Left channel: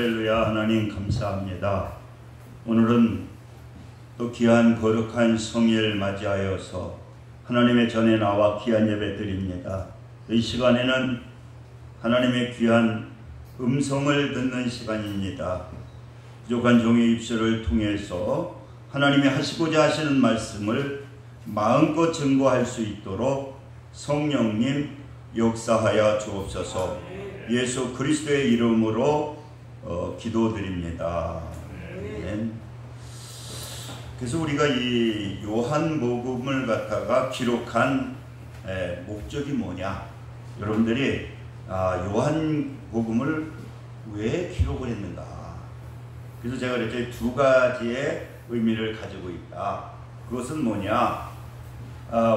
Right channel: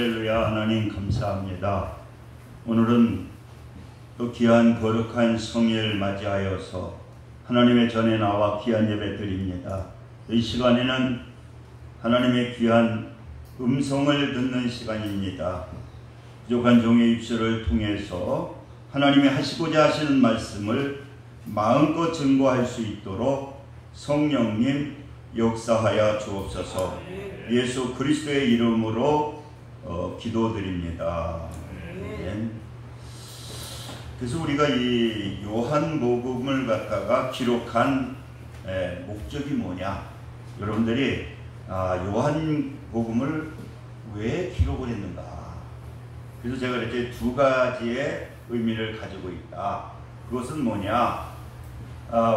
할렐루야. 하나님 감사합니다. 오늘은 또 귀한 거룩한 성일을 맞이하여서 하나님의 전에 나와 귀한 예배 드립니다. 이 시간에는 하나님의 귀한 음성을 듣는 시간입니다. 부족한 종의 입술을 통해서 하나님이 하시고자 하시는 말씀을 마음껏 증거할 수 있도록 성령님 역사하여 주옵소서. 예수 그리스도의 이름으로 기도드립니다. 네. 그래서 우리가 이 요한복음을 갖다가 기록한 목적이 뭐냐? 여러분들이 요한복음을 왜 기록을 했는가? 그래서 제가 이렇게 두 가지의 의미를 가지고 있다. 그것은 뭐냐?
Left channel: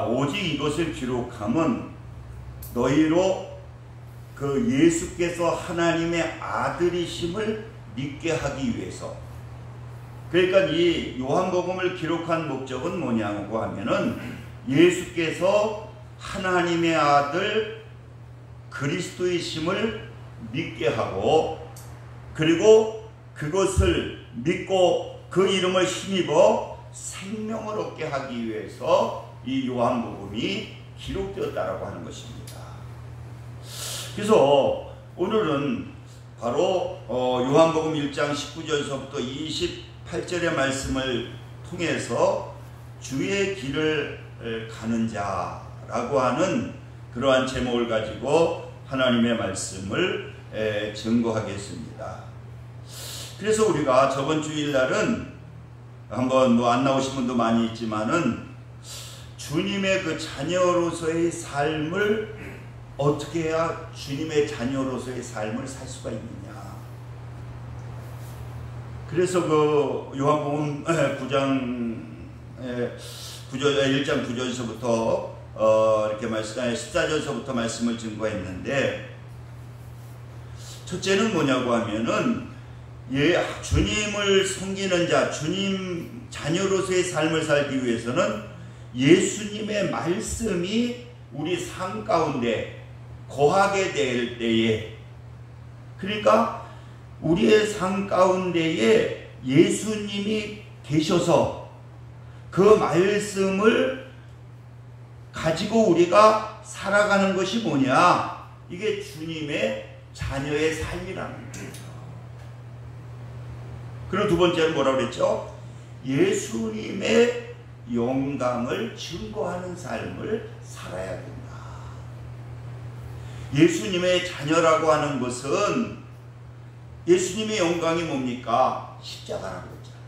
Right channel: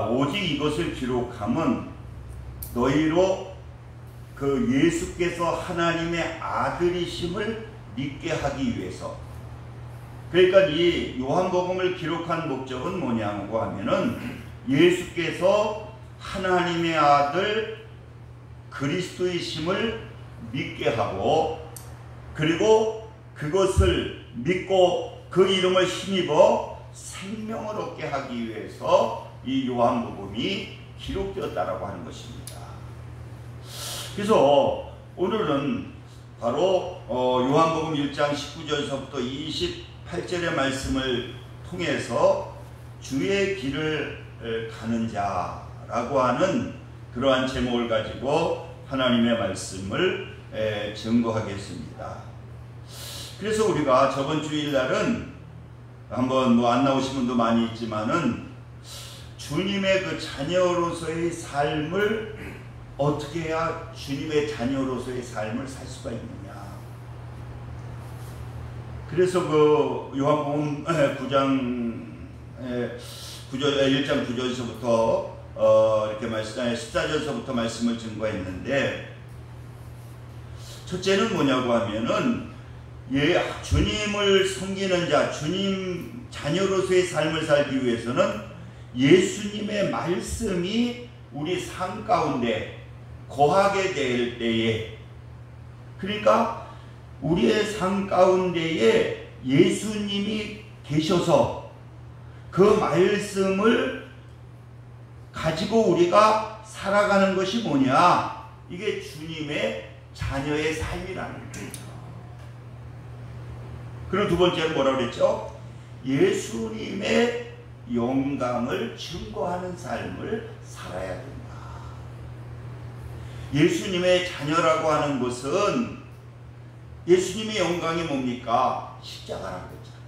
오직 이것을 기록함은 너희로 그 예수께서 하나님의 아들이심을 믿게 하기 위해서. 그러니까 이 요한복음을 기록한 목적은 뭐냐고 하면은 예수께서 하나님의 아들 그리스도이심을 믿게 하고, 그리고 그것을 믿고 그 이름을 힘입어 생명을 얻게 하기 위해서 이 요한복음이 기록되었다라고 하는 것입니다. 그래서 오늘은 바로 요한복음 1장 19절서부터 28절의 말씀을 통해서 주의 길을 가는 자라고 하는 그러한 제목을 가지고 하나님의 말씀을 증거하겠습니다. 그래서 우리가 저번 주일날은 한번 안 나오신 분도 많이 있지만은 주님의 그 자녀로서의 삶을 어떻게 해야 주님의 자녀로서의 삶을 살 수가 있느냐. 그래서 그 요한복음 1장 9절서부터 이렇게 14절서부터 말씀을 증거했는데, 첫째는 뭐냐고 하면은 주님을 섬기는 자, 주님 자녀로서의 삶을 살기 위해서는 예수님의 말씀이 우리 삶 가운데 거하게 될 때에, 그러니까 우리의 삶 가운데에 예수님이 계셔서 그 말씀을 가지고 우리가 살아가는 것이 뭐냐? 이게 주님의 자녀의 삶이라는 거죠. 그리고 두 번째는 뭐라고 그랬죠? 예수님의 영광을 증거하는 삶을 살아야 된다. 예수님의 자녀라고 하는 것은 예수님의 영광이 뭡니까? 십자가라고 했잖아요.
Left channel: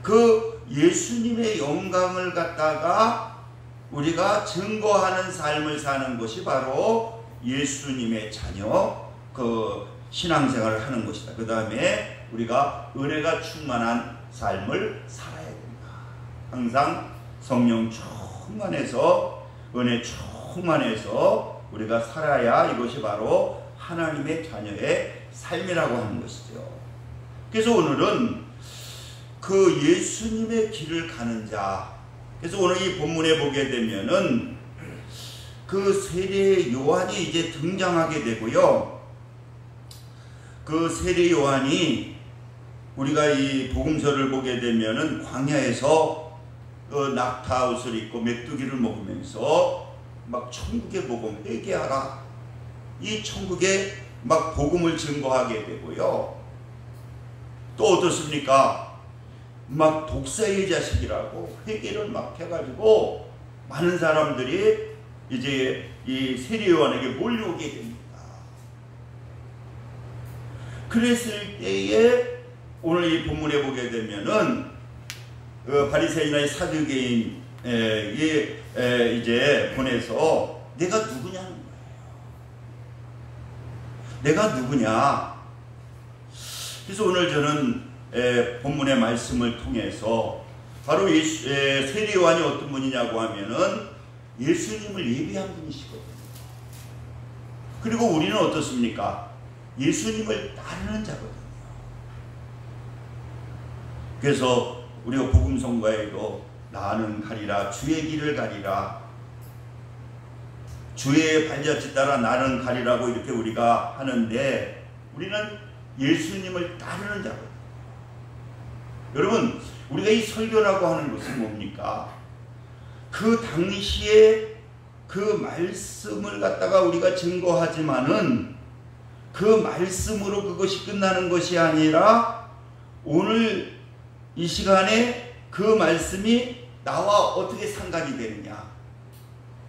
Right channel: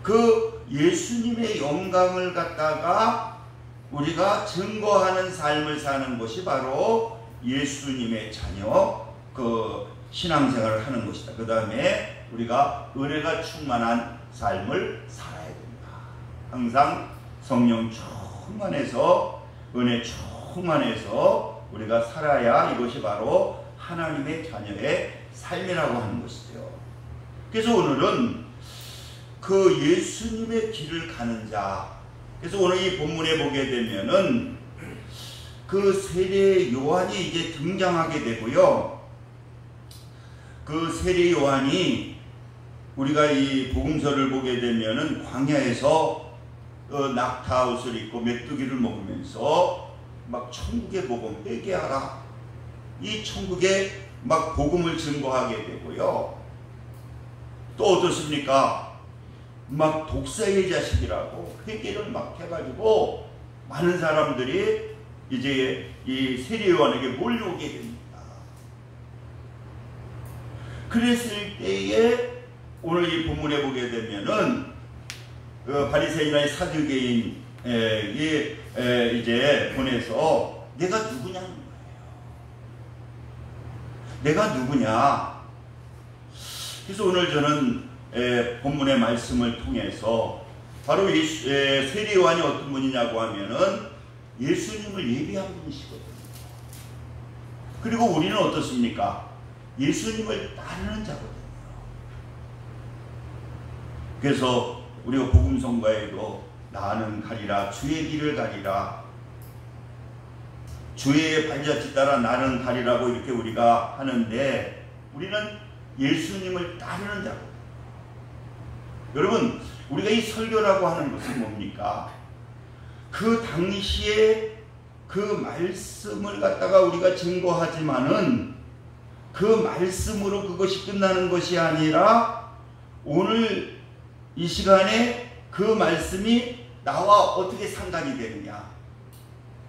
그 예수님의 영광을 갖다가 우리가 증거하는 삶을 사는 것이 바로 예수님의 자녀, 그 신앙생활을 하는 것이다. 그 다음에 우리가 은혜가 충만한 삶을 살아야 된다. 항상 성령 충만해서, 은혜 충만해서 우리가 살아야 이것이 바로 하나님의 자녀의 삶이라고 하는 것이죠. 그래서 오늘은 그 예수님의 길을 가는 자. 그래서 오늘 이 본문에 보게 되면은 그 세례 요한이 이제 등장하게 되고요. 그 세례 요한이 우리가 이 복음서를 보게 되면은 광야에서 낙타 옷을 입고 메뚜기를 먹으면서 막 천국의 복음 회개하라, 이 천국의 막 복음을 증거하게 되고요. 또 어떻습니까? 막 독사의 자식이라고 회개를 막 해가지고 많은 사람들이 이제 이 세례 요한에게 몰려오게 됩니다. 그랬을 때에 오늘 이 본문에 보게 되면은 그 바리새인의 사두개인 이제 보내서 내가 누구냐는 거예요. 내가 누구냐? 그래서 오늘 저는 본문의 말씀을 통해서 바로 세례 요한이 어떤 분이냐고 하면은 예수님을 예비한 분이시거든요. 그리고 우리는 어떻습니까? 예수님을 따르는 자거든요. 그래서 우리가 복음 선거에도 나는 가리라, 주의 길을 가리라, 주의 발자취 따라 나는 가리라고 이렇게 우리가 하는데, 우리는 예수님을 따르는 자거든요. 여러분, 우리가 이 설교라고 하는 것은 뭡니까? 그 당시에 그 말씀을 갖다가 우리가 증거하지만은 그 말씀으로 그것이 끝나는 것이 아니라 오늘 이 시간에 그 말씀이 나와 어떻게 상관이 되느냐.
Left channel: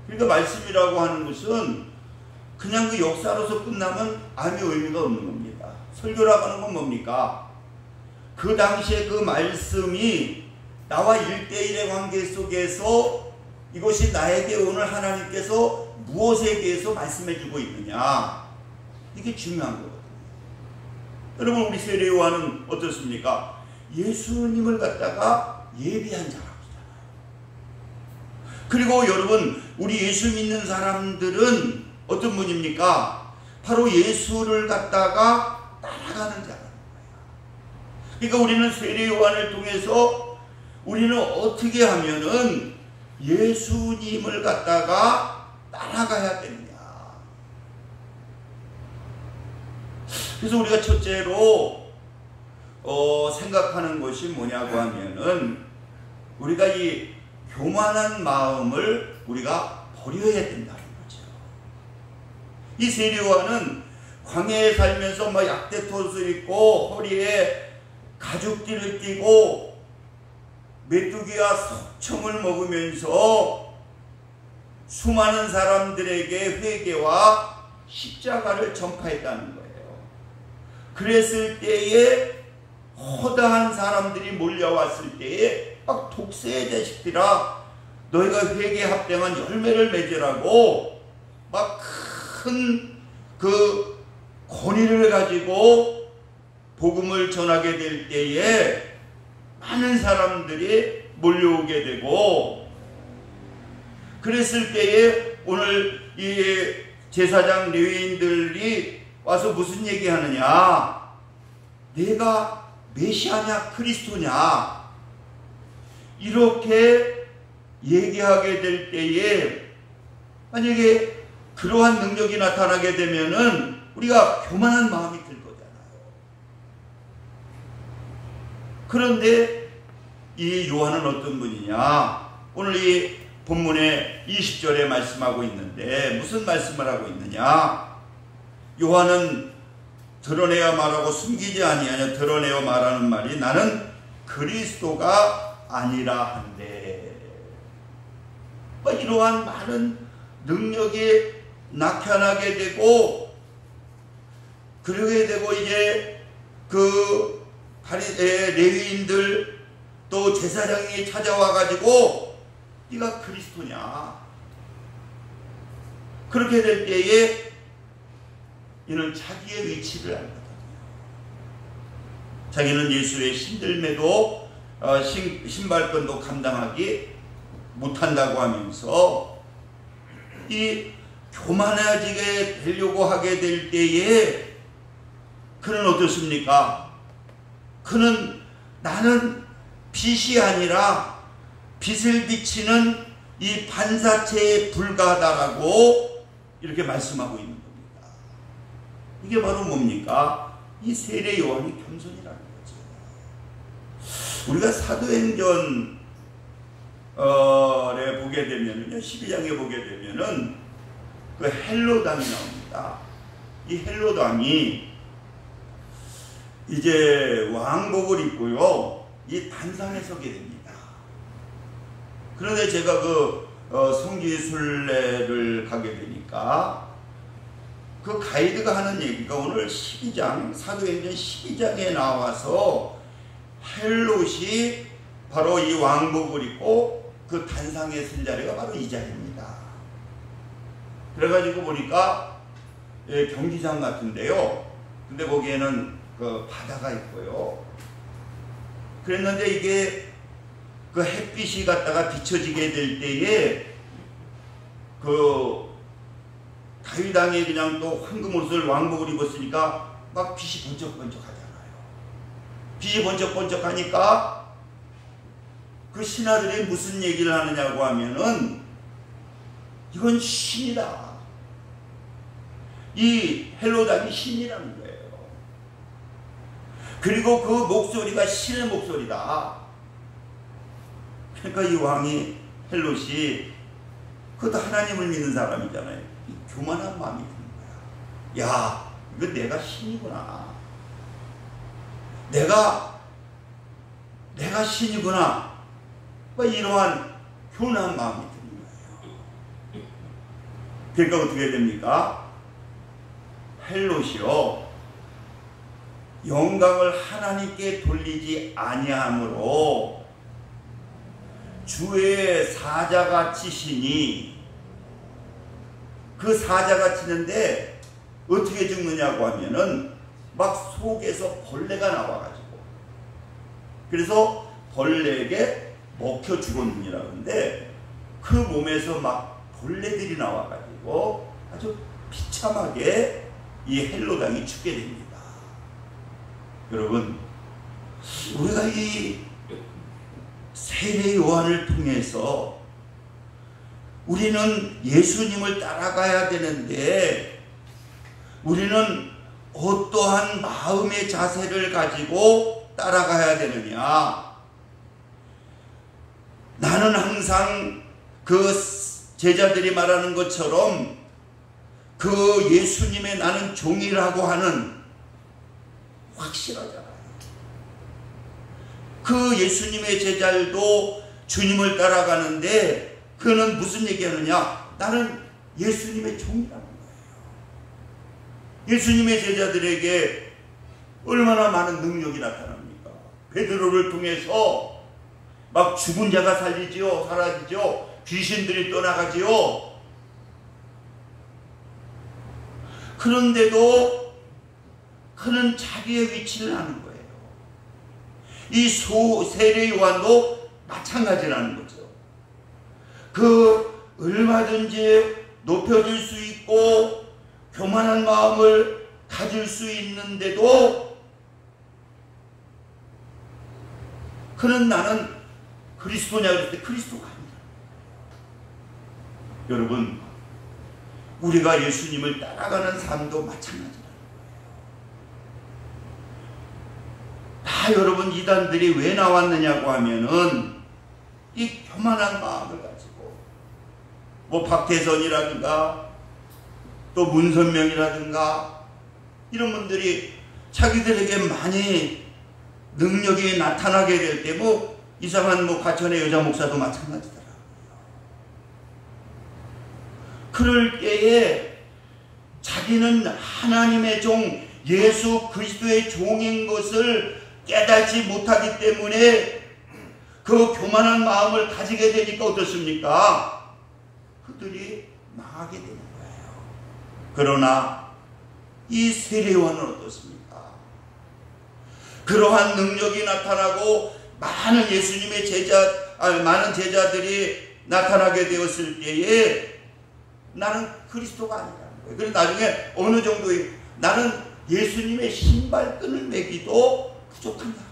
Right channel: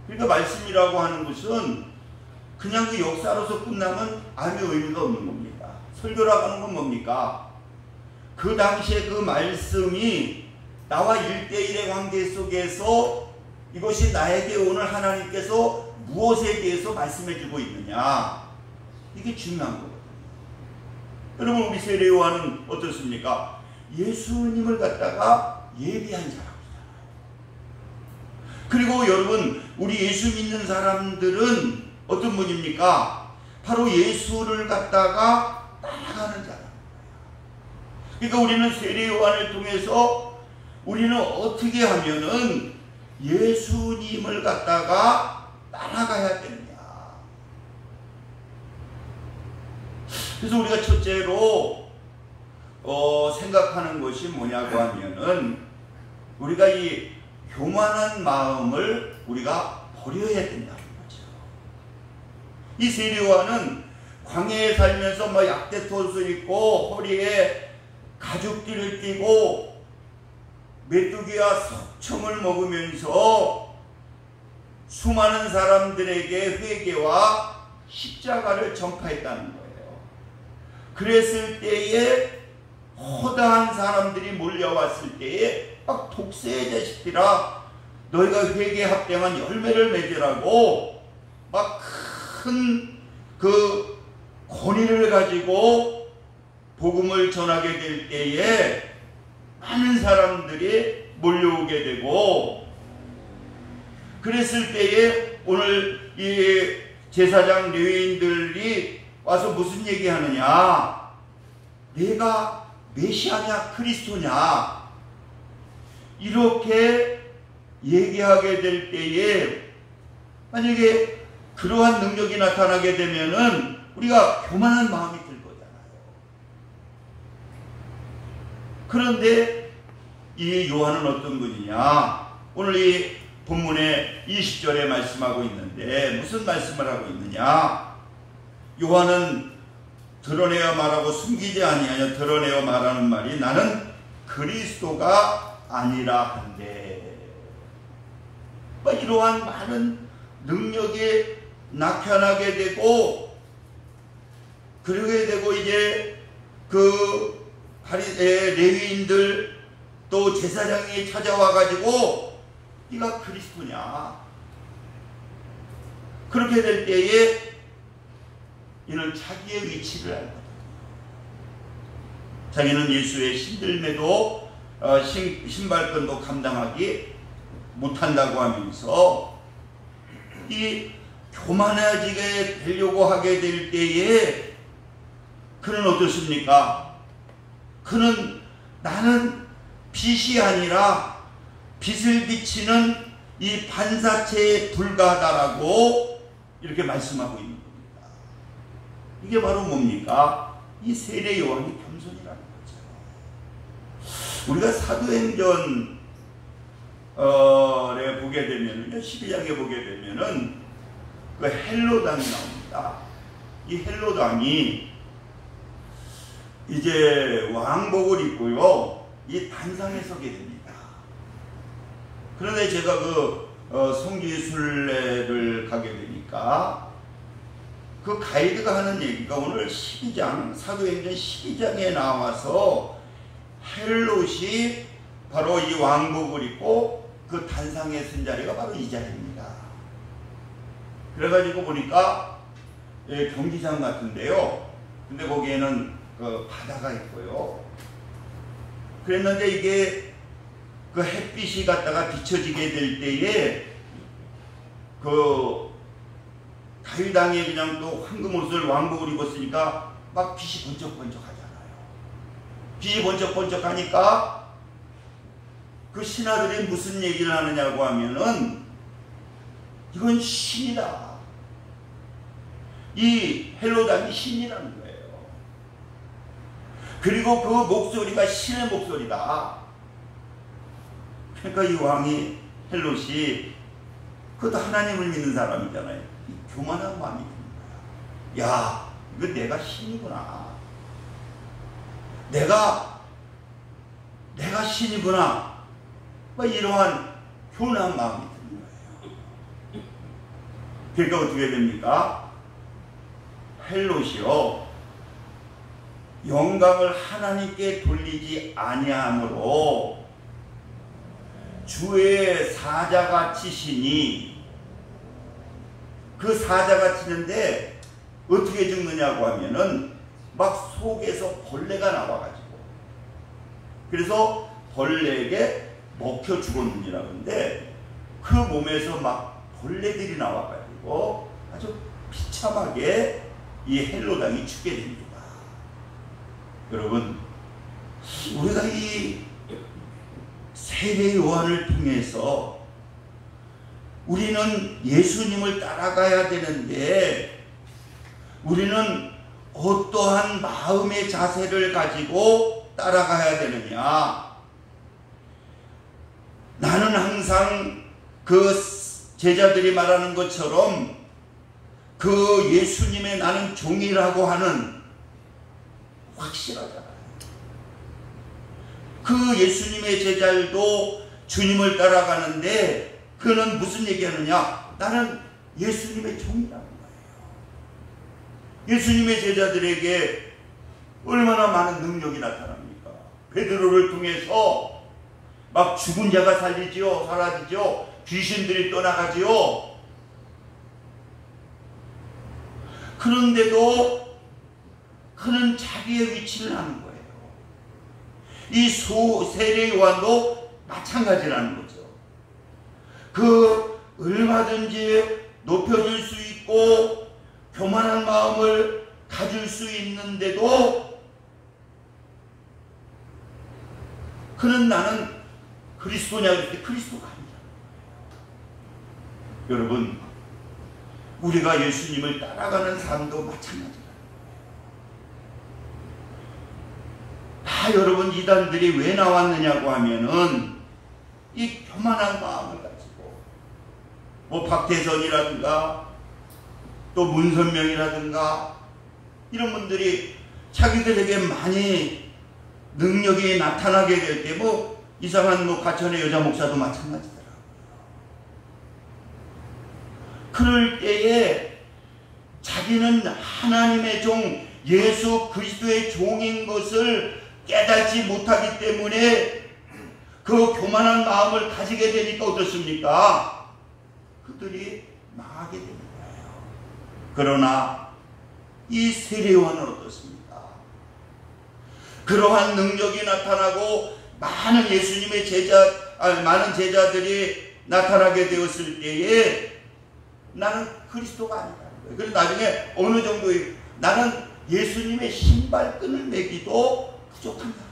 그러니까 말씀이라고 하는 것은 그냥 그 역사로서 끝나면 아무 의미가 없는 겁니다. 설교라고 하는 건 뭡니까? 그 당시에 그 말씀이 나와 1대1의 관계 속에서 이것이 나에게 오늘 하나님께서 무엇에 대해서 말씀해 주고 있느냐. 이게 중요한 거거든요. 여러분, 우리 세례요한은 어떻습니까? 예수님을 갖다가 예비한 자라고 하잖아요. 그리고 여러분, 우리 예수 믿는 사람들은 어떤 분입니까? 바로 예수를 갖다가 따라가는 자라는 거예요. 그러니까 우리는 세례요한을 통해서 우리는 어떻게 하면은 예수님을 갖다가 따라가야 되느냐. 그래서 우리가 첫째로 생각하는 것이 뭐냐고 하면은 우리가 이 교만한 마음을 우리가 버려야 된다는 거죠. 이 세례요한은 광야에 살면서 막 약대톳을 입고 허리에 가죽띠를 띠고 메뚜기와 석청을 먹으면서 수많은 사람들에게 회개와 십자가를 전파했다는 거예요. 그랬을 때에 허다한 사람들이 몰려왔을 때에 막 독세의 자식들아 너희가 회개합되면 열매를 맺으라고 막 큰 그 권위를 가지고 복음을 전하게 될 때에 많은 사람들이 몰려오게 되고, 그랬을 때에 오늘 이 제사장 레위인들이 와서 무슨 얘기하느냐, 내가 메시아냐 그리스도냐 이렇게 얘기하게 될 때에 만약에 그러한 능력이 나타나게 되면은 우리가 교만한 마음이 들 거잖아요. 그런데 이 요한은 어떤 분이냐? 오늘 이 본문의 20절에 말씀하고 있는데 무슨 말씀을 하고 있느냐? 요한은 드러내어 말하고 숨기지 아니하냐. 드러내어 말하는 말이 나는 그리스도가 아니라 한데, 이러한 많은 능력이 나타나게 되고, 그러게 되고 이제 그 레위인들 또 제사장이 찾아와 가지고 네가 그리스도냐, 그렇게 될 때에 이는 자기의 위치를 알거든요. 자기는 예수의 신들매도 신발끈도 감당하기 못한다고 하면서 이 교만해지게 되려고 하게 될 때에 그는 어떻습니까? 그는 나는 빛이 아니라 빛을 비치는 이 반사체에 불과하다라고 이렇게 말씀하고 있는 겁니다. 이게 바로 뭡니까? 이 세례 요한이 겸손이라는 거죠. 우리가 사도행전에 보게 되면은요, 12장에 보게 되면은 그 헬로당이 나옵니다. 이 헬로당이 이제 왕복을 입고요, 이 단상에 서게 됩니다. 그런데 제가 그 성지순례를 가게 되니까 그 가이드가 하는 얘기가 오늘 12장, 사도행전 12장에 나와서 헬롯이 바로 이 왕복을 입고 그 단상에 선 자리가 바로 이 자리입니다. 그래가지고 보니까 경기장 같은데요. 근데 거기에는 그 바다가 있고요. 그랬는데 이게 그 햇빛이 갖다가 비춰지게 될 때에 그 다윗왕이 그냥 또 황금 옷을 왕복을 입었으니까 막 빛이 번쩍번쩍 하잖아요. 빛이 번쩍번쩍 하니까 그 신하들이 무슨 얘기를 하느냐고 하면은 이건 신이다. 이 헬로당이 신이라는 거예요. 그리고 그 목소리가 신의 목소리다. 그러니까 이 왕이 헬롯이 그것도 하나님을 믿는 사람이잖아요. 이 교만한 마음이 드는 거야. 야, 이거 내가 신이구나. 내가 신이구나. 이러한 교만한 마음이 드는 거예요. 그러니까 어떻게 됩니까? 헬롯이요, 영광을 하나님께 돌리지 아니하므로 주의 사자가 치시니, 그 사자가 치는데 어떻게 죽느냐고 하면은 막 속에서 벌레가 나와가지고, 그래서 벌레에게 먹혀 죽었느니라. 근데 그 몸에서 막 벌레들이 나와가지고 아주 비참하게 이 헬롯 왕이 죽게 됩니다. 여러분, 우리가 이 세례 요한을 통해서 우리는 예수님을 따라가야 되는데, 우리는 어떠한 마음의 자세를 가지고 따라가야 되느냐? 나는 항상 그 제자들이 말하는 것처럼 그 예수님의 나는 종이라고 하는 확실하잖아요. 그 예수님의 제자들도 주님을 따라가는데 그는 무슨 얘기하느냐? 나는 예수님의 종이라는 거예요. 예수님의 제자들에게 얼마나 많은 능력이 나타납니까? 베드로를 통해서 막 죽은 자가 살리지요, 사라지죠. 귀신들이 떠나가지요. 그런데도 그는 자기의 위치를 아는 거예요. 이 세례 요한도 마찬가지라는 거죠. 그 얼마든지 높여질 수 있고 교만한 마음을 가질 수 있는데도 그는 나는 그리스도냐 그랬을 때 그리스도가 아니다. 여러분, 우리가 예수님을 따라가는 삶도 마찬가지다. 다 여러분, 이단들이 왜 나왔느냐고 하면은 이 교만한 마음을 가지고, 뭐 박태선이라든가 또 문선명이라든가 이런 분들이 자기들에게 많이 능력이 나타나게 될 때 뭐 이상한 뭐 과천의 여자 목사도 마찬가지더라고요. 그럴 때에 자기는 하나님의 종 예수 그리스도의 종인 것을 깨닫지 못하기 때문에 그 교만한 마음을 가지게 되니까 어떻습니까? 그들이 망하게 되는 거예요. 그러나 이 세례 요한은 어떻습니까? 그러한 능력이 나타나고 많은 예수님의 많은 제자들이 나타나게 되었을 때에 나는 그리스도가 아니라는 거예요. 그래서 나중에 어느 정도의 나는 예수님의 신발끈을 매기도 부족한 사람이다.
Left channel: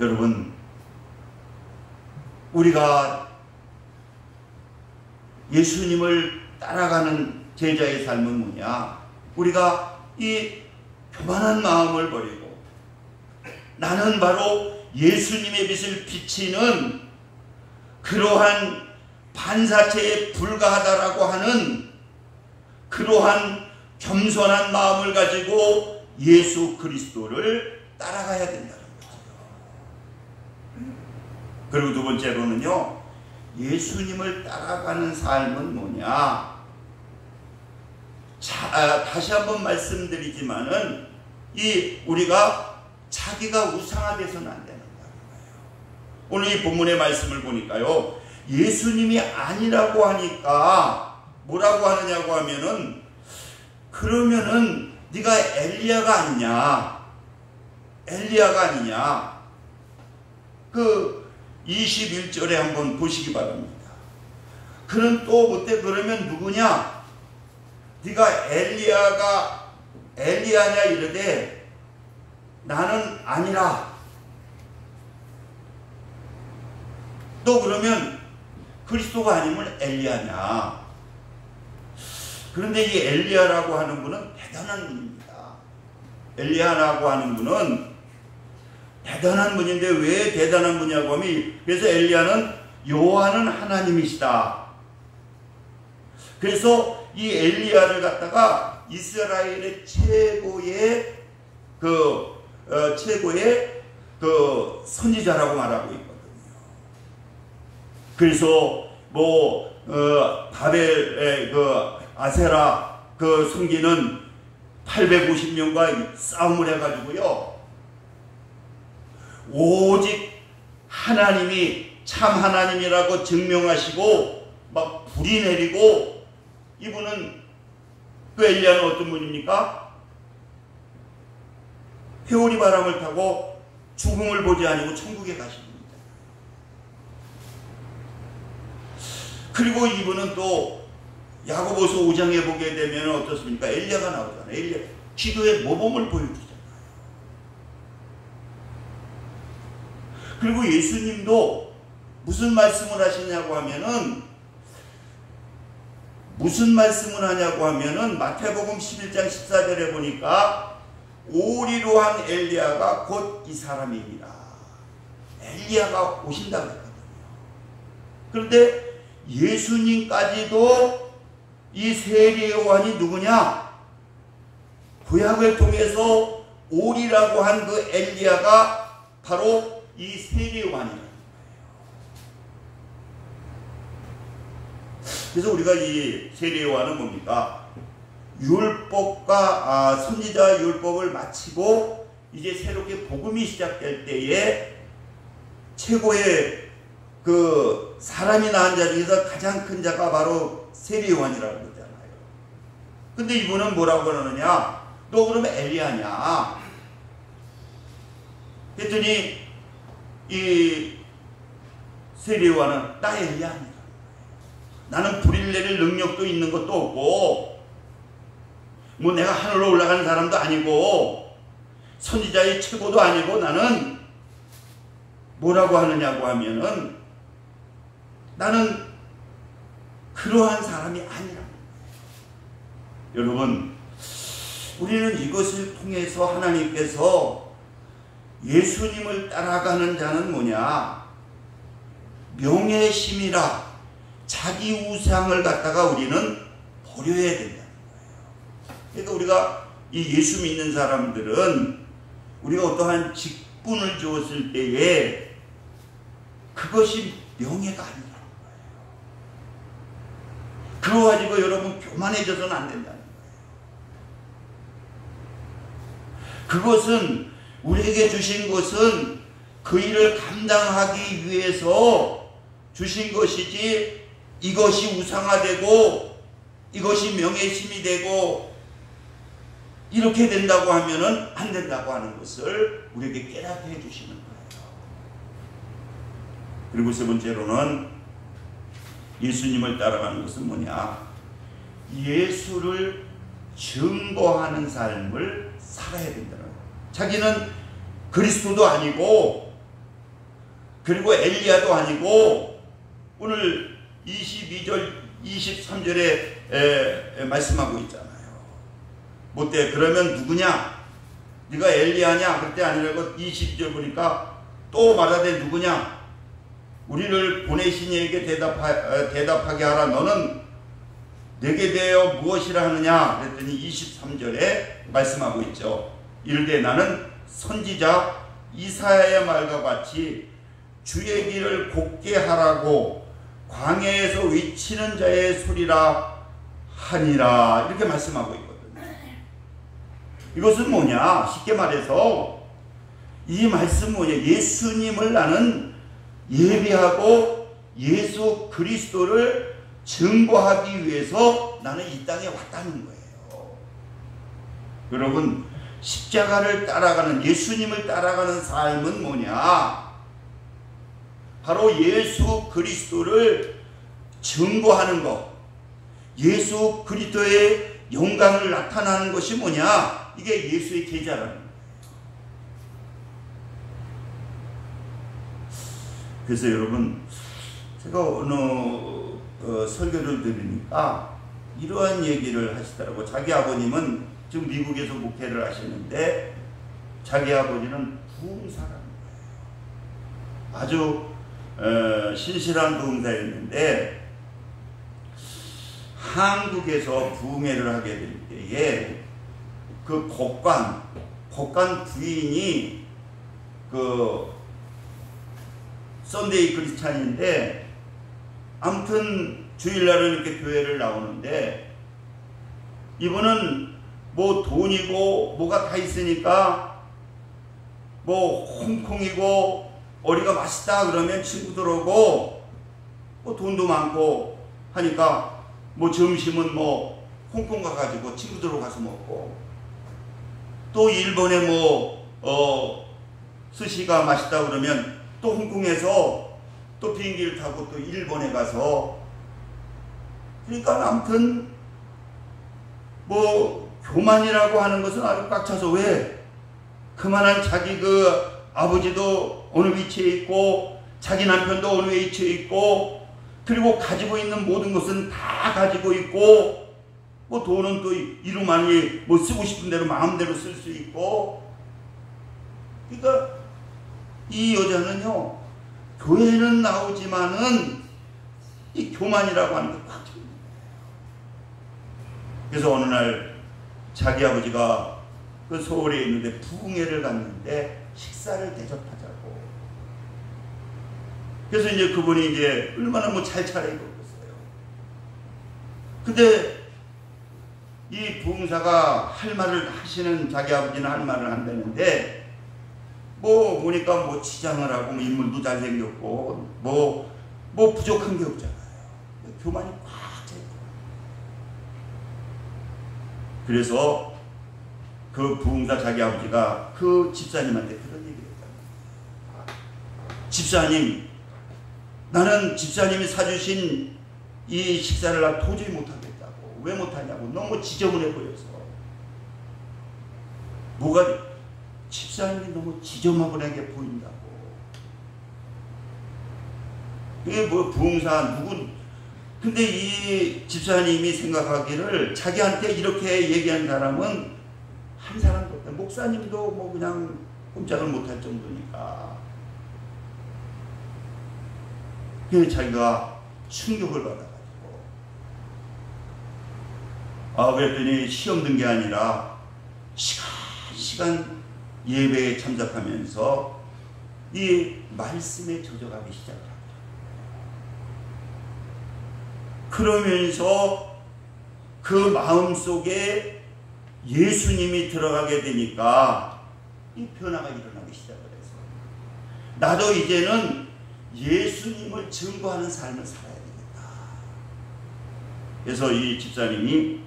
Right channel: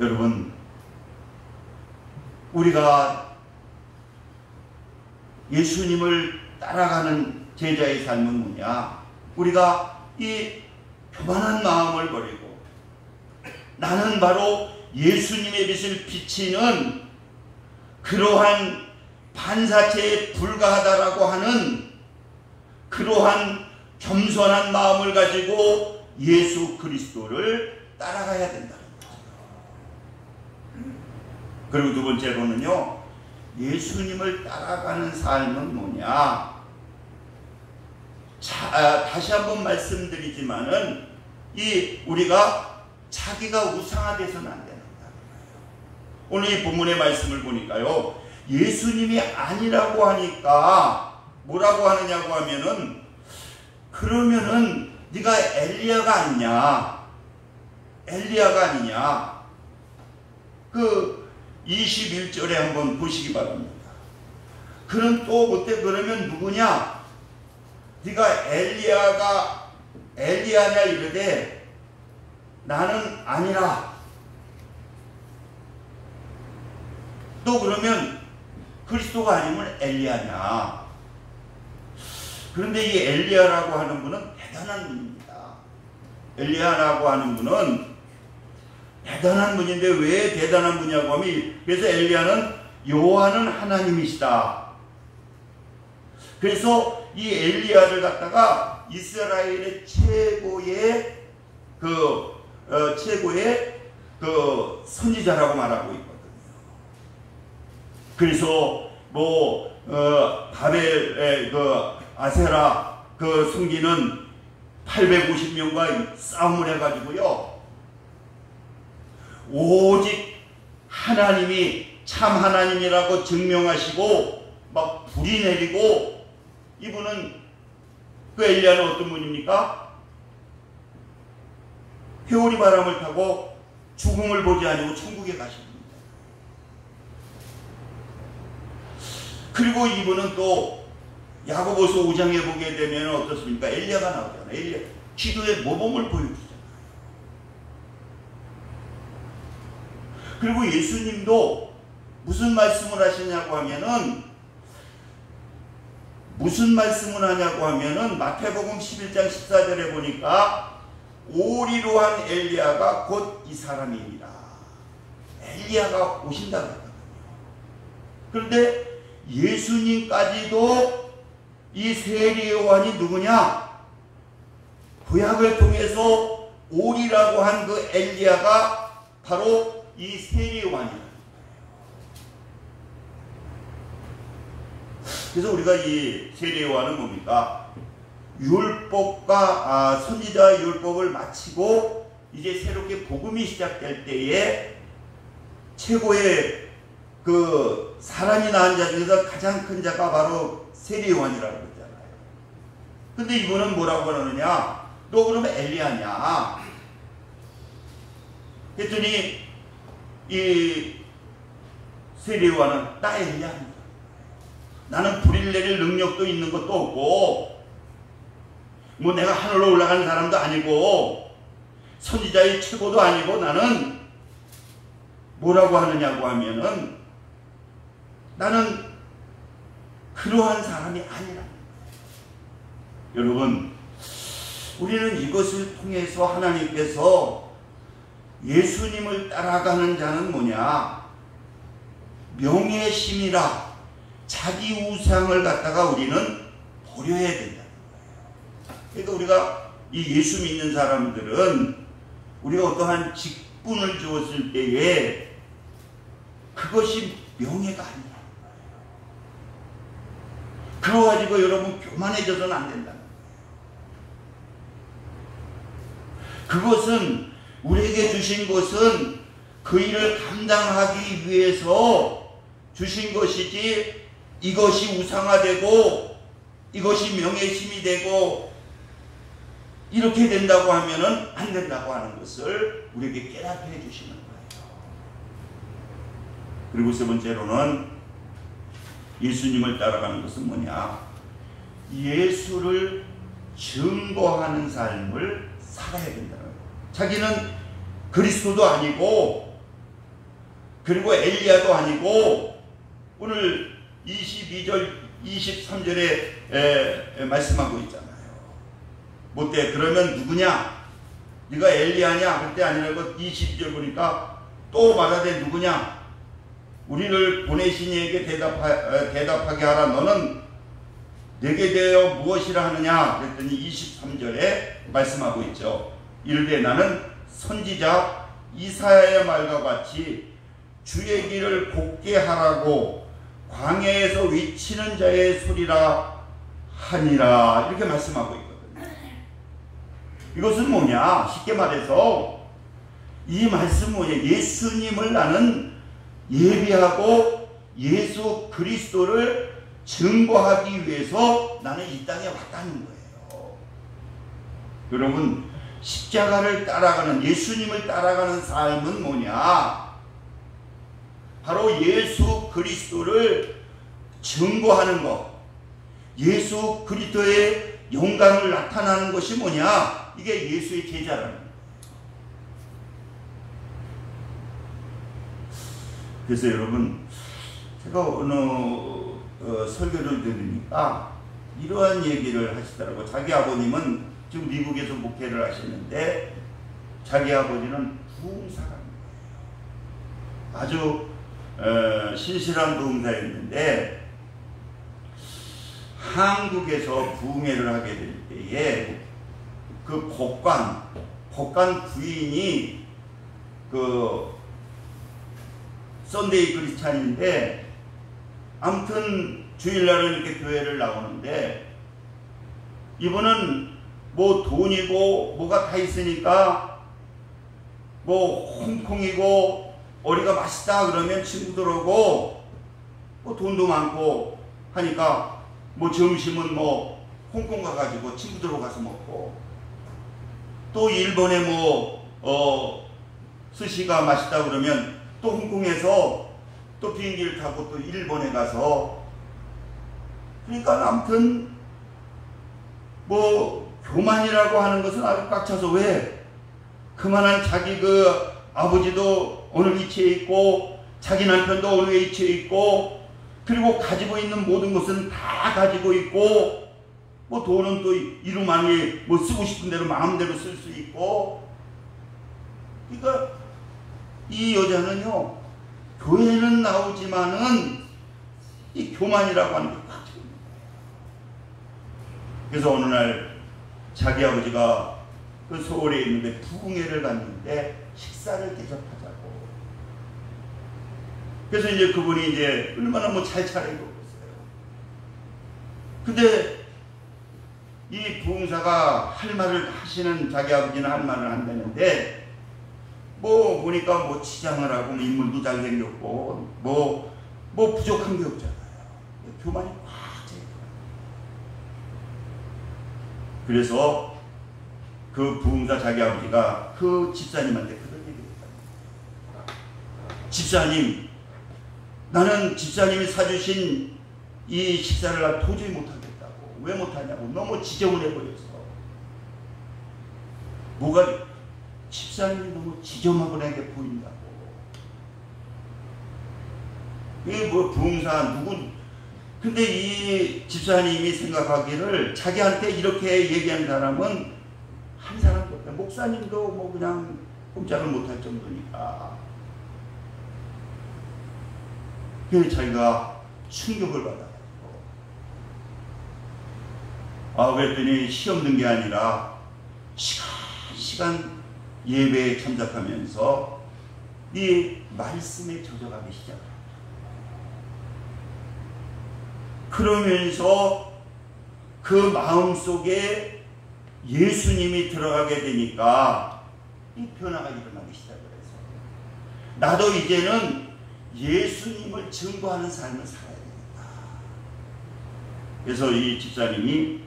여러분, 우리가 예수님을 따라가는 제자의 삶은 뭐냐? 우리가 이 교만한 마음을 버리고 나는 바로 예수님의 빛을 비치는 그러한 반사체에 불과하다라고 하는 그러한 겸손한 마음을 가지고 예수 그리스도를 따라가야 된다는 거예요. 그리고 두 번째로는요, 예수님을 따라가는 삶은 뭐냐? 다시 한번 말씀드리지만은 우리가 자기가 우상화돼서는 안 되는 거예요. 오늘 이 본문의 말씀을 보니까요, 예수님이 아니라고 하니까 뭐라고 하느냐고 하면은, 그러면은 네가 엘리야가 아니냐? 엘리야가 아니냐? 그 21절에 한번 보시기 바랍니다. 그는 또 그때 그러면 누구냐? 네가 엘리야냐 이르되 나는 아니라. 너 그러면 그리스도가 아니면 엘리야냐? 그런데 이 엘리야라고 하는 분은 대단한 분입니다. 엘리야라고 하는 분은 대단한 분인데 왜 대단한 분이냐고 하면, 그래서 엘리야는 여호와는 하나님이시다. 그래서 이 엘리야를 갖다가 이스라엘의 최고의 선지자라고 말하고 있거든요. 그래서 바벨의 아세라 성기는 850명과 싸움을 해가지고요, 오직 하나님이 참 하나님이라고 증명하시고 막 불이 내리고, 이분은 엘리야는 어떤 분입니까? 회오리 바람을 타고 죽음을 보지 아니고 천국에 가신 분입니다. 그리고 이분은 또 야고보서 5장에 보게 되면 어떻습니까? 엘리야가 나오잖아요. 엘리야 기도의 모범을 보여주잖아요. 그리고 예수님도 무슨 말씀을 하시냐고 하면은, 마태복음 11장 14절에 보니까 오리로 한 엘리야가 곧 이 사람입니다. 엘리야가 오신다고 했거든요. 그런데 예수님까지도 이 세리 요한이 누구냐? 구약을 통해서 오리라고 한 그 엘리야가 바로 이 세리 요한이라는 거예요. 그래서 우리가 이 세리 요한은 뭡니까? 율법과 선지자 율법을 마치고 이제 새롭게 복음이 시작될 때에 최고의 사람이 낳은 자 중에서 가장 큰 자가 바로 세리 요한이라고 그러잖아요. 근데 이분은 뭐라고 그러느냐? 너 그러면 엘리야냐? 했더니 이 세리 요한은 나 엘리야 아니다. 나는 불을 내릴 능력도 있는 것도 없고, 뭐 내가 하늘로 올라가는 사람도 아니고 선지자의 최고도 아니고, 나는 뭐라고 하느냐고 하면은 나는 그러한 사람이 아니라는 거예요. 여러분, 우리는 이것을 통해서 하나님께서 예수님을 따라가는 자는 뭐냐? 명예심이라 자기 우상을 갖다가 우리는 버려야 된다는 거예요. 그러니까 우리가 이 예수 믿는 사람들은 우리가 어떠한 직분을 주었을 때에 그것이 명예가 아니라는 거예요. 그래가지고 여러분 교만해져서는 안 된다는 거예요. 그것은 우리에게 주신 것은 그 일을 감당하기 위해서 주신 것이지, 이것이 우상화되고 이것이 명예심이 되고 이렇게 된다고 하면은 안 된다고 하는 것을 우리에게 깨닫게 해주시는 거예요. 그리고 세 번째로는 예수님을 따라가는 것은 뭐냐? 예수를 증거하는 삶을 살아야 된다는 거예요. 자기는 그리스도도 아니고, 그리고 엘리야도 아니고, 오늘 22절 23절에 말씀하고 있잖아요. 못돼 그러면 누구냐? 네가 엘리야냐? 그때 아니라고 20절 보니까 또 말하되 누구냐? 우리를 보내신 이에게 대답하게 하라. 너는 내게 대하여 무엇이라 하느냐? 그랬더니 23절에 말씀하고 있죠. 이르되 나는 선지자 이사야의 말과 같이 주의 길을 곱게 하라고 광야에서 외치는 자의 소리라 하니라, 이렇게 말씀하고 있거든요. 이것은 뭐냐? 쉽게 말해서 이 말씀 뭐냐? 예수님을 나는 예비하고 예수 그리스도를 증거하기 위해서 나는 이 땅에 왔다는 거예요. 여러분, 십자가를 따라가는, 예수님을 따라가는 삶은 뭐냐? 바로 예수 그리스도를 증거하는 것, 예수 그리스도의 영광을 나타나는 것이 뭐냐? 이게 예수의 제자라는 거예요. 그래서 여러분, 제가 어느 설교를 들으니까 이러한 얘기를 하시더라고요. 자기 아버님은 지금 미국에서 목회를 하시는데 자기 아버지는 부흥사라는 거예요. 아주 신실한 부흥사였는데 한국에서 부흥회를 하게 될 때에 그 법관 부인이 그 썬데이 크리스찬인데 아무튼 주일날은 이렇게 교회를 나오는데 이분은 뭐 돈이고 뭐가 다 있으니까 뭐 홍콩이고 어리가 맛있다 그러면 친구들하고 뭐 돈도 많고 하니까 뭐 점심은 뭐 홍콩 가가지고 친구들하고 가서 먹고 또 일본에 뭐 스시가 맛있다 그러면 또 홍콩에서 또 비행기를 타고 또 일본에 가서 그러니까 아무튼 뭐 교만이라고 하는 것은 아주 꽉 차서 왜 그만한 자기 그 아버지도 어느 위치에 있고 자기 남편도 어느 위치에 있고 그리고 가지고 있는 모든 것은 다 가지고 있고 뭐 돈은 또 이루만이 뭐 쓰고 싶은 대로 마음대로 쓸 수 있고 그러니까 이 여자는요 교회는 나오지만은 이 교만이라고 하는 게 꽉 차 있는 거예요. 그래서 어느 날 자기 아버지가 그 서울에 있는데 부흥회를 갔는데 식사를 대접하자고. 그래서 이제 그분이 이제 얼마나 뭐 잘 차려입었어요. 근데 이 부흥사가 할 말을 하시는 자기 아버지는 할 말을 한다는데 뭐 보니까 뭐 치장을 하고 인물도 잘생겼고 뭐 부족한 게 없잖아요. 교만이 꽉 차 있고. 그래서 그 부흥사 자기 아버지가 그 집사님한테 그런 얘기를 했다. 집사님, 나는 집사님이 사주신 이 식사를 도저히 못하겠다고. 왜 못하냐고. 너무 지저분해 보여서. 뭐가 집사님이 너무 지저분하게 보인다고. 이게 뭐 부흥사 누구 근데 이 집사님이 생각하기를 자기한테 이렇게 얘기한 사람은 한 사람도 없다. 목사님도 뭐 그냥 꼼짝을 못할 정도니까. 그래서 자기가 충격을 받아가지고 그랬더니 시험 든 게 아니라 시간 예배에 참석하면서 이 말씀에 젖어가기 시작합니다. 그러면서 그 마음속에 예수님이 들어가게 되니까 이 변화가 일어나기 시작을 해서 나도 이제는 예수님을 증거하는 삶을 살아야 되겠다. 그래서 이 집사님이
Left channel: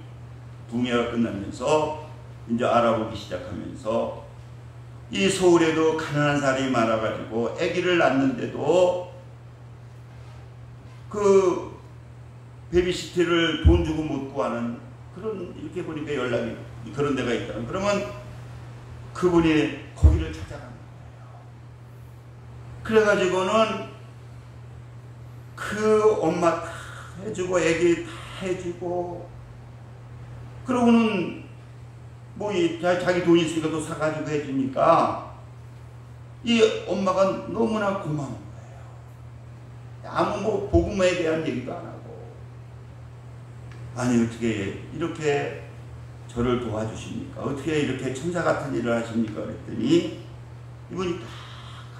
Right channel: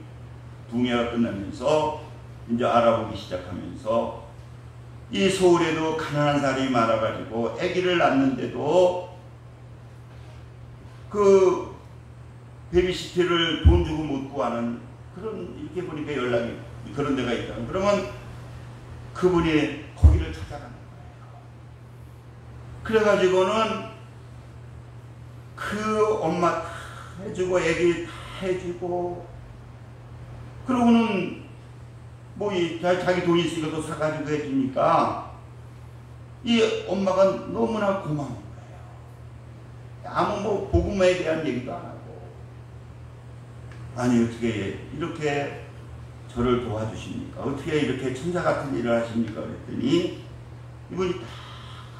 부흥회가 끝나면서 이제 알아보기 시작하면서 이 서울에도 가난한 사람이 많아가지고 아기를 낳는데도 그 베비시트를 돈 주고 못 구하는 그런 이렇게 보니까 연락이 그런 데가 있다. 그러면 그분이 거기를 찾아가는 거예요. 그래가지고는 그 엄마 다 해주고 아기 다 해주고 그러고는 뭐 자기 돈 있으니까 또 사가지고 해주니까 이 엄마가 너무나 고마운 거예요. 아무 뭐 복음에 대한 얘기도 안 하고 아니 어떻게 이렇게 저를 도와주십니까? 어떻게 이렇게 천사 같은 일을 하십니까? 그랬더니 이분이 딱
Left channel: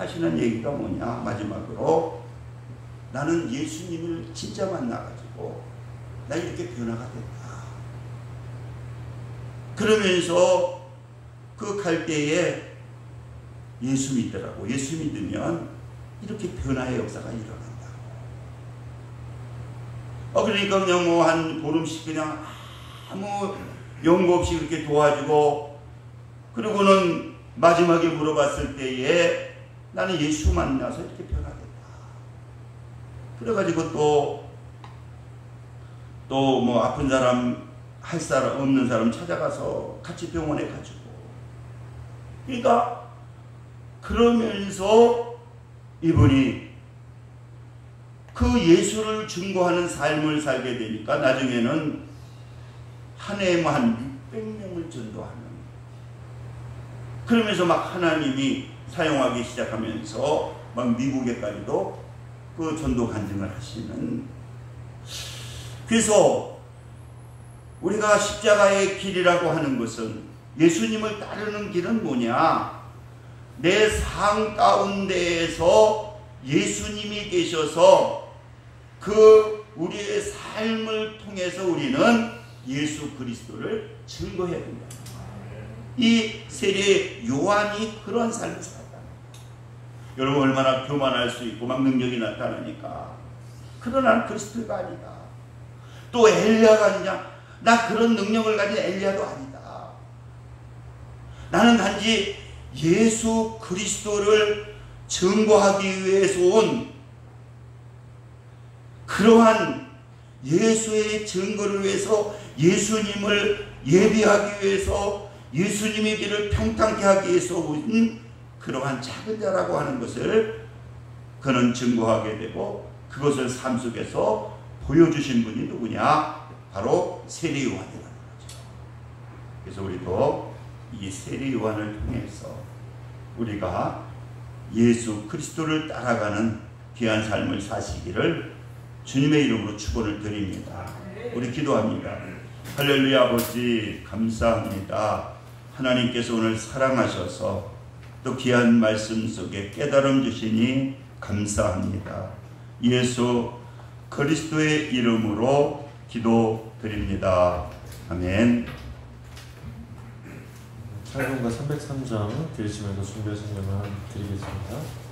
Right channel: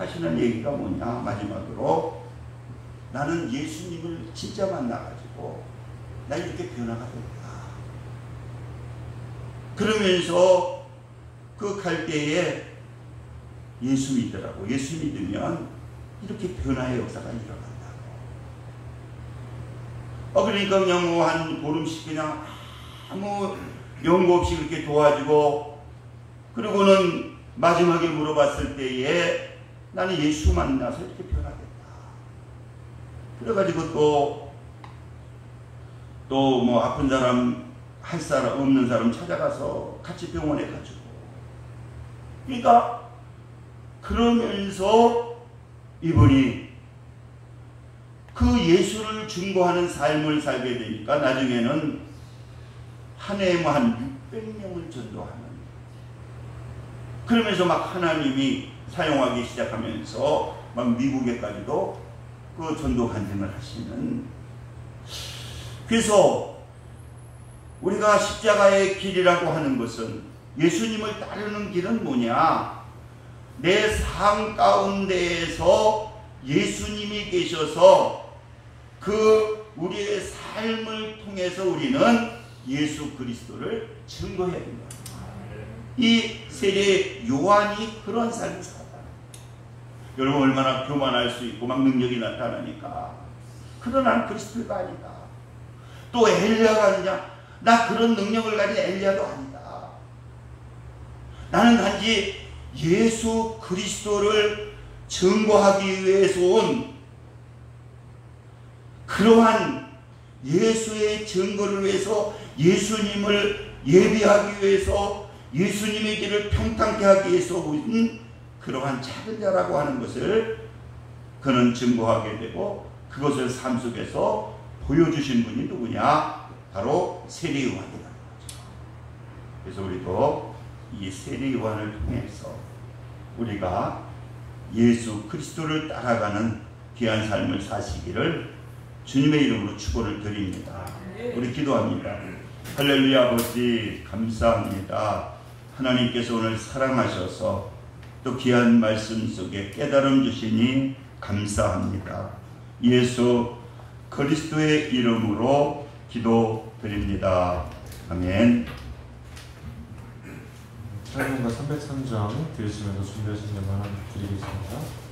하시는 얘기가 뭐냐 마지막으로 나는 예수님을 진짜 만나가지고 나 이렇게 변화가 됐다. 그러면서 그 갈 때에 예수 믿더라고. 예수 믿으면 이렇게 변화의 역사가 일어난다고. 그러니까 그냥 뭐 한 보름씩 그냥 아무 연고 없이 그렇게 도와주고 그러고는 마지막에 물어봤을 때에 나는 예수 만나서 이렇게 변화됐다. 그래가지고 또 뭐 아픈 사람 할 사람 없는 사람 찾아가서 같이 병원에 가지고 그러니까 그러면서 이분이 그 예수를 증거하는 삶을 살게 되니까 나중에는 한 해에 한 몇백 명을 전도하는, 그러면서 막 하나님이 사용하기 시작하면서 막 미국에까지도 그 전도 간증을 하시는. 그래서 우리가 십자가의 길이라고 하는 것은, 예수님을 따르는 길은 뭐냐? 내 삶 가운데에서 예수님이 계셔서 그 우리의 삶을 통해서 우리는 예수 그리스도를 증거해야 된다. 이 세례 요한이 그런 삶을 살았다. 여러분 얼마나 교만할 수 있고 막 능력이 나타나니까. 그러나 나는 그리스도가 아니다. 또 엘리야가 아니냐? 나 그런 능력을 가진 엘리야도 아니다. 나는 단지 예수 그리스도를 증거하기 위해서 온, 그러한 예수의 증거를 위해서, 예수님을 예비하기 위해서, 예수님의 길을 평탄케 하기 위해서 온 그러한 작은 자라고 하는 것을 그는 증거하게 되고, 그것을 삶 속에서 보여주신 분이 누구냐? 바로 세례 요한이라는 거죠. 그래서 우리도 이 세례 요한을 통해서 우리가 예수 그리스도를 따라가는 귀한 삶을 사시기를 주님의 이름으로 축원을 드립니다. 우리 기도합니다. 할렐루야. 아버지 감사합니다. 하나님께서 오늘 사랑하셔서 또 귀한 말씀 속에 깨달음 주시니 감사합니다. 예수 그리스도의 이름으로 기도드립니다. 아멘. 찬송가 303장 들으시면서 준비하신 것만 드리겠습니다.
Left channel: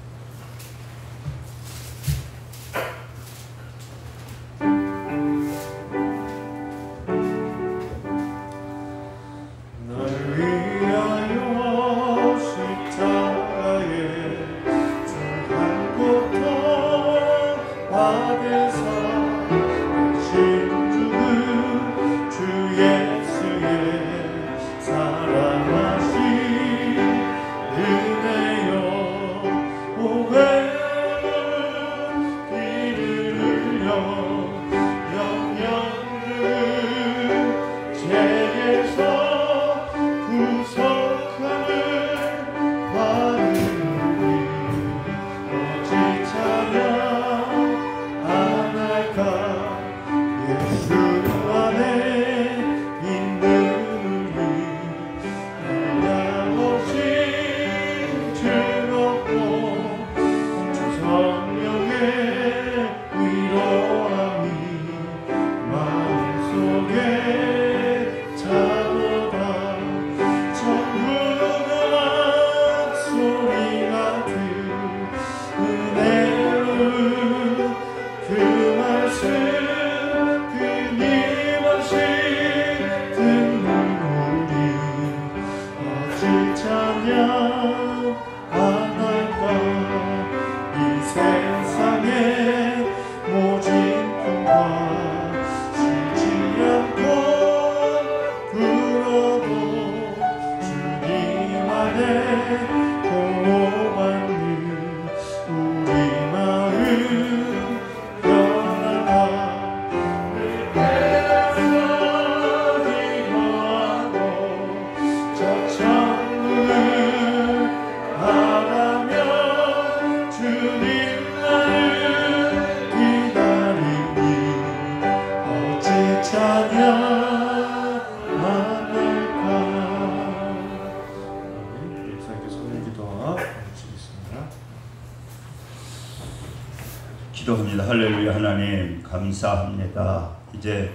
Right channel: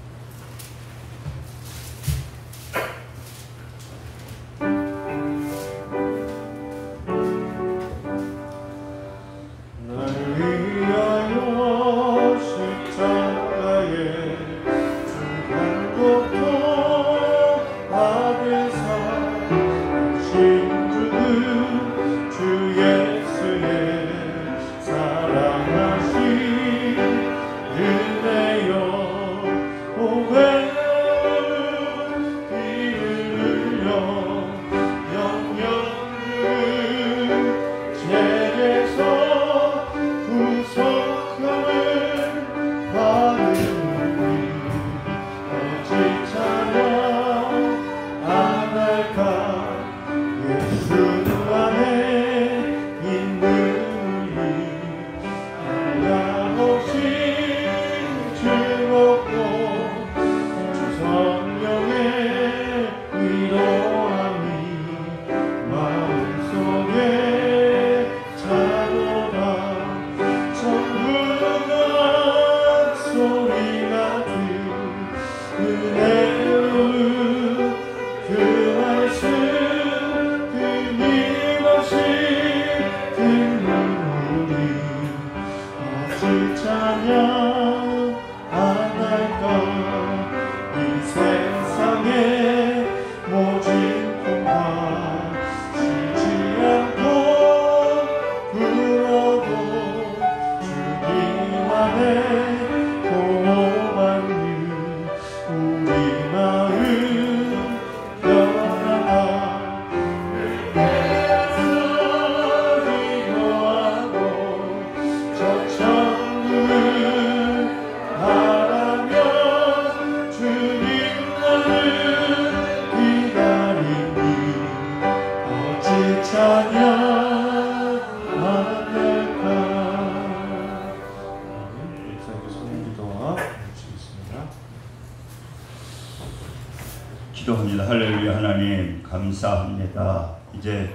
기도합니다. 할렐루야. 하나님 감사합니다. 이제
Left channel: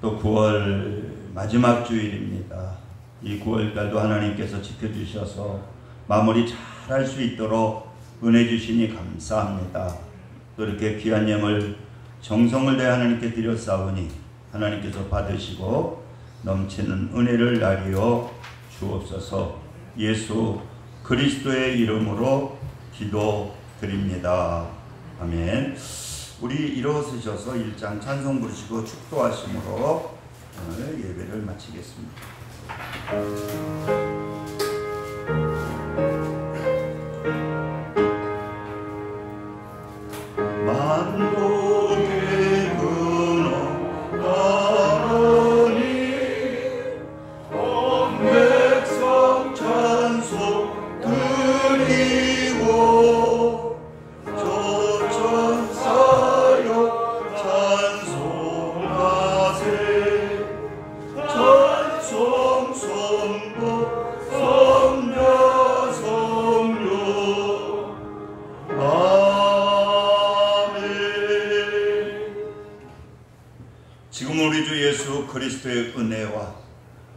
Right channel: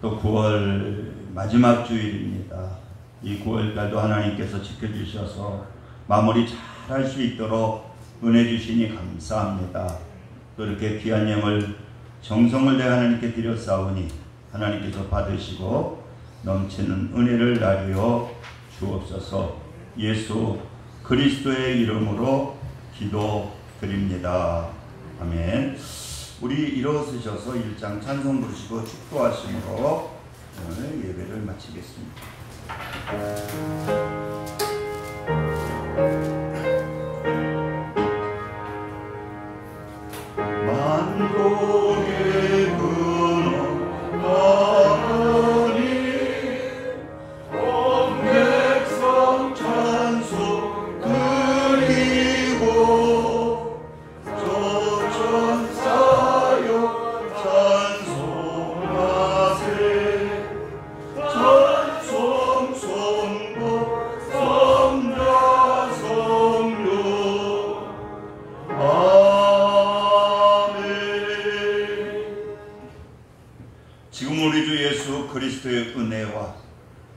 또 9월 마지막 주일입니다. 이 9월달도 하나님께서 지켜주셔서 마무리 잘 할 수 있도록 은혜 주시니 감사합니다. 또 이렇게 귀한 영을 정성을 다해 하나님께 드렸사오니 하나님께서 받으시고 넘치는 은혜를 나리어 주옵소서. 예수 그리스도의 이름으로 기도드립니다. 아멘. 우리 일어서셔서 1장 찬송 부르시고 축도하심으로 오늘 예배를 마치겠습니다. 만국의 근원 하나님 예수 그리스도의 은혜와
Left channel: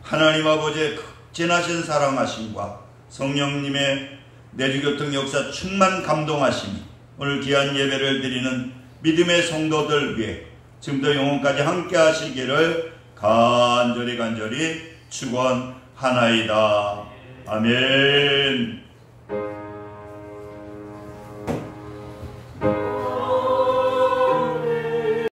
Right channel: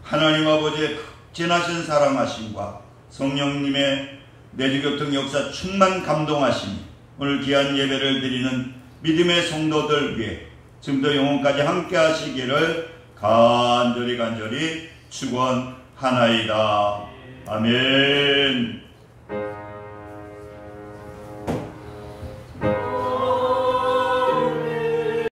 하나님 아버지의 극진하신 사랑하심과 성령님의 내주교통 역사 충만 감동하심이 오늘 귀한 예배를 드리는 믿음의 성도들 위해 지금도 영원까지 함께 하시기를 간절히 축원하나이다. 아멘.